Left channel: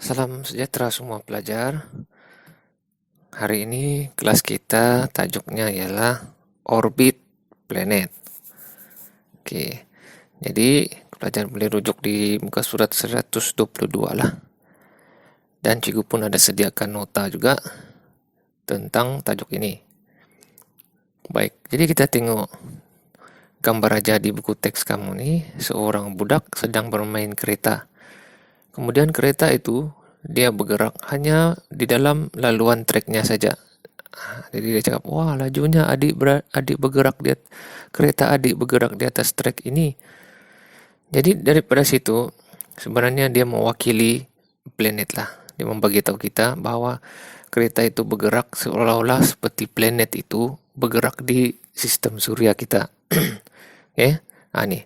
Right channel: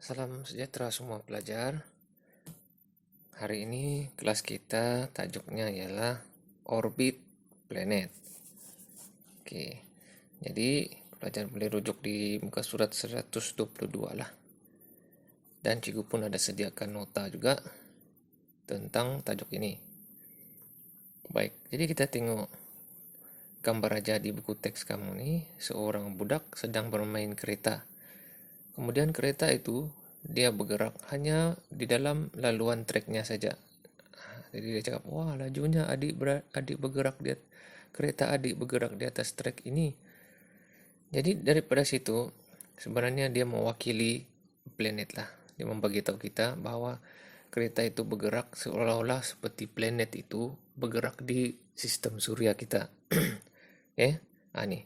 Salam sejahtera semua pelajar. Hari ini kelas kita tajuknya ialah orbit planet. Oke, jadi pelajar boleh rujuk di muka surat 122 lah. Dan cikgu pun ada sediakan nota juga tentang tajuk ini. Baik, jadi kita tengok gambar aja di buku teks kamu nih. Seorang budak sedang bermain kereta. Kemudian kereta itu dia bergerak hanya di dalam laluan treknya saja. Jadi dia cakap, wah lajunya adik bergerak kereta adik bergerak di atas trek ini. Jadi daripada situ sebenarnya dia mewakili planet lah. Dia membagi tahu kita bahwa kereta itu bergerak seolah-olah seperti planet itu bergerak di sistem surya kita. Oke, nih.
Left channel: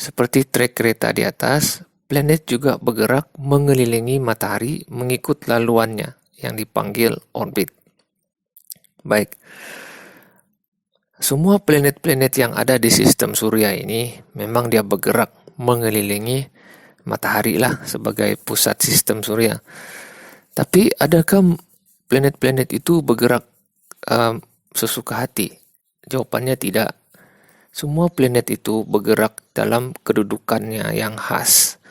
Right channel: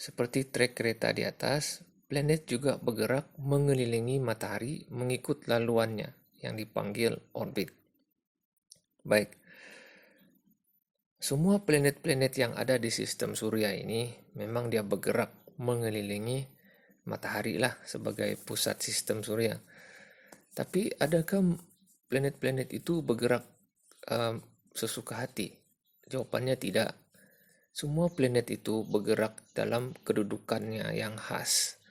Seperti trek kereta di atas, planet juga bergerak mengelilingi matahari mengikut laluannya yang dipanggil orbit. Baik, semua planet-planet yang ada di sistem surya ini memang dia bergerak mengelilingi matahari lah sebagai pusat sistem surya. Tapi adakah planet-planet itu bergerak sesuka hati? Jawabannya tidak. Semua planet itu bergerak dalam kedudukannya yang khas.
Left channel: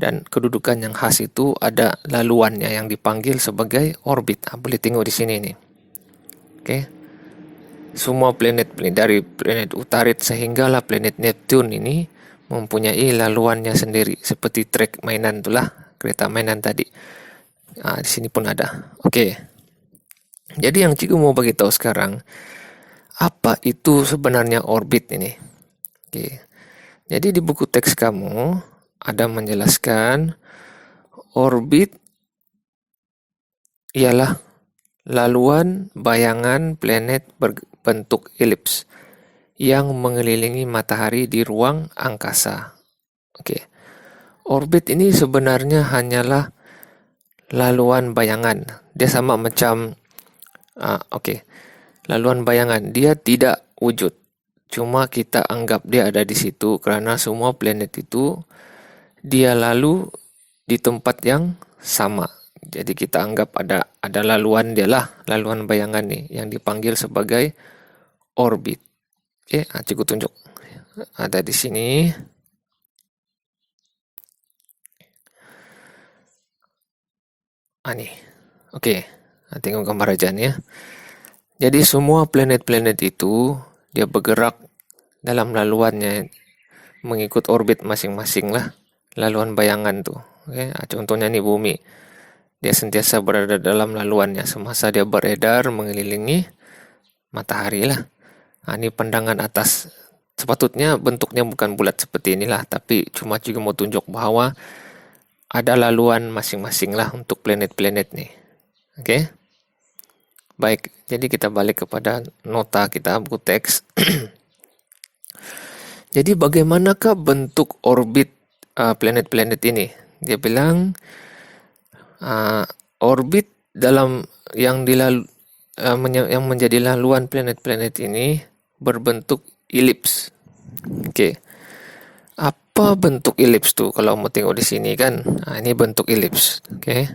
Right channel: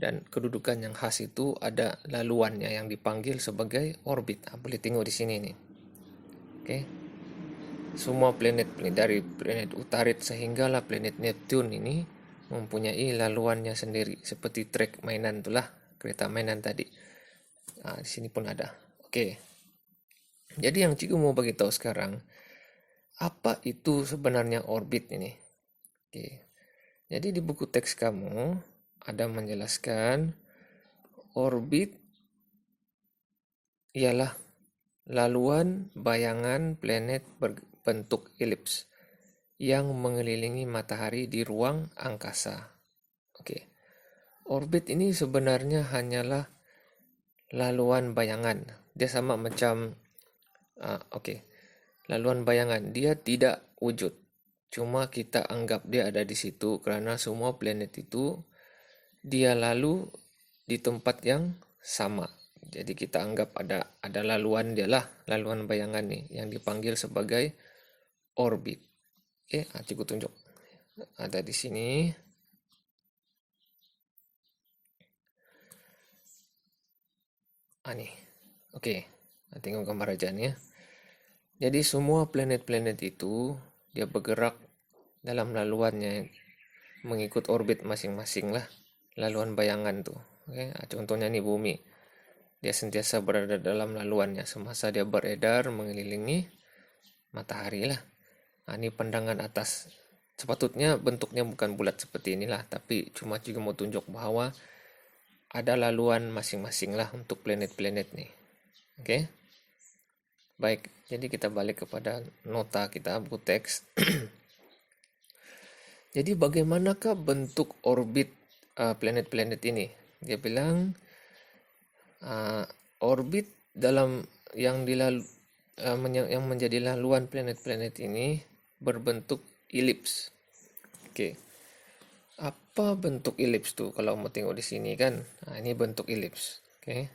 Dan kedudukan yang khas itu ada laluannya yang dipanggil sebagai orbit. Boleh tengok di sini nih. Oke. Semua planet dari planet Utarit sehinggalah planet Neptune ini mempunyai laluannya sendiri seperti trek mainan itulah, kereta mainan tadi. Di sini pun ada. Oke. Jadi yang cikgu mau bagi tahu sekarang, apa itu sebenarnya orbit ini? Oke. Jadi di buku teks kamu ada menjelaskan orbit ialah laluan bayangan planet berbentuk elips yang mengelilingi matahari di ruang angkasa. Oke. Orbit ini sebenarnya hanyalah laluan bayangan. Dia sama macam laluan bayangan. Dia tidak wujud. Cuma kita anggap dia ada di situ karena semua planet itu dia lalu di tempat yang sama. Jadi kita anggap ada laluan dia lah, laluan bayangan nih yang dipanggil sebagai orbit. Oke, cikgu tunjuk. Ada di sini. Nih. Oke, tengok gambar aja nih ya. Jadi semua planet-planet itu dia bergerak dalam laluannya mengikut orbit masing-masing lah. Laluan bayangan tuh. Oke, contohnya nih bumi. Dia sentiasa berada dalam laluannya semasa dia beredar mengelilingi matahari lah. Ini pandangan atas. Sepatutnya bentuknya bukan bulat seperti inilah, tapi cuma juga mau tunjuk bahwa ada laluan masing-masing lah untuk planet-planet nih. Oke? Baik, jadi kita balik kepada nota kita, buku teks. Jadi bagaimanakah bentuk orbit planet-planet ini? Dia bilang orbit dalam yang menjadi laluan planet-planet ini berbentuk elips. Oke. Apa bentuk elips tuh? Kalau mau tengok di sini kan. Ini bentuk elips. Oke.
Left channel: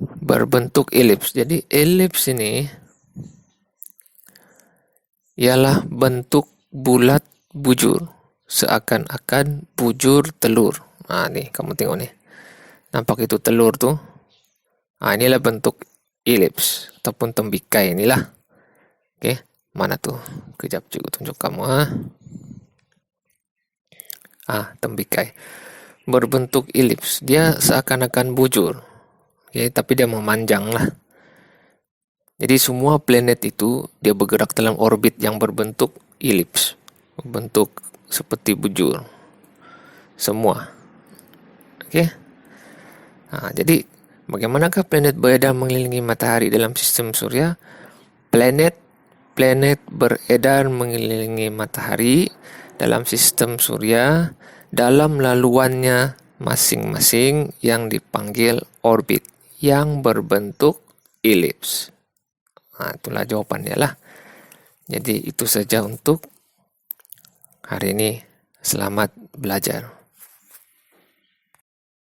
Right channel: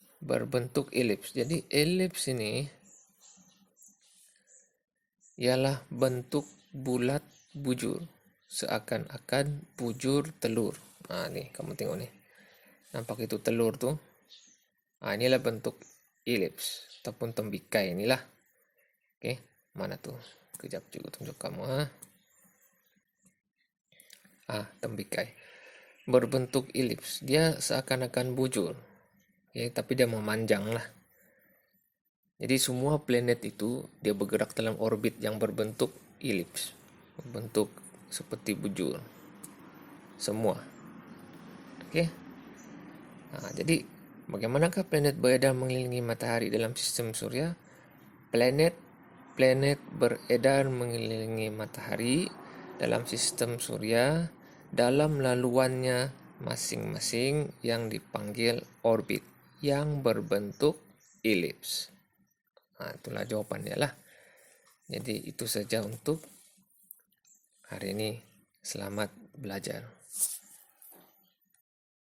Berbentuk elips. Jadi elips ini ialah bentuk bulat bujur. Seakan-akan bujur telur. Nih kamu tengok nih. Nampak itu telur tuh. Inilah bentuk elips ataupun tembikai inilah. Oke, mana tuh? Kejap juga tunjuk kamu. Tembikai. Berbentuk elips. Dia seakan-akan bujur. Oke, tapi dia memanjang lah. Jadi semua planet itu dia bergerak dalam orbit yang berbentuk elips. Berbentuk seperti bujur. Semua. Oke. Jadi bagaimanakah planet beredar mengelilingi matahari dalam sistem surya? Planet beredar mengelilingi matahari dalam sistem surya dalam laluannya masing-masing yang dipanggil orbit yang berbentuk elips. Itulah jawabannya lah. Jadi itu saja untuk hari ini. Selamat belajar.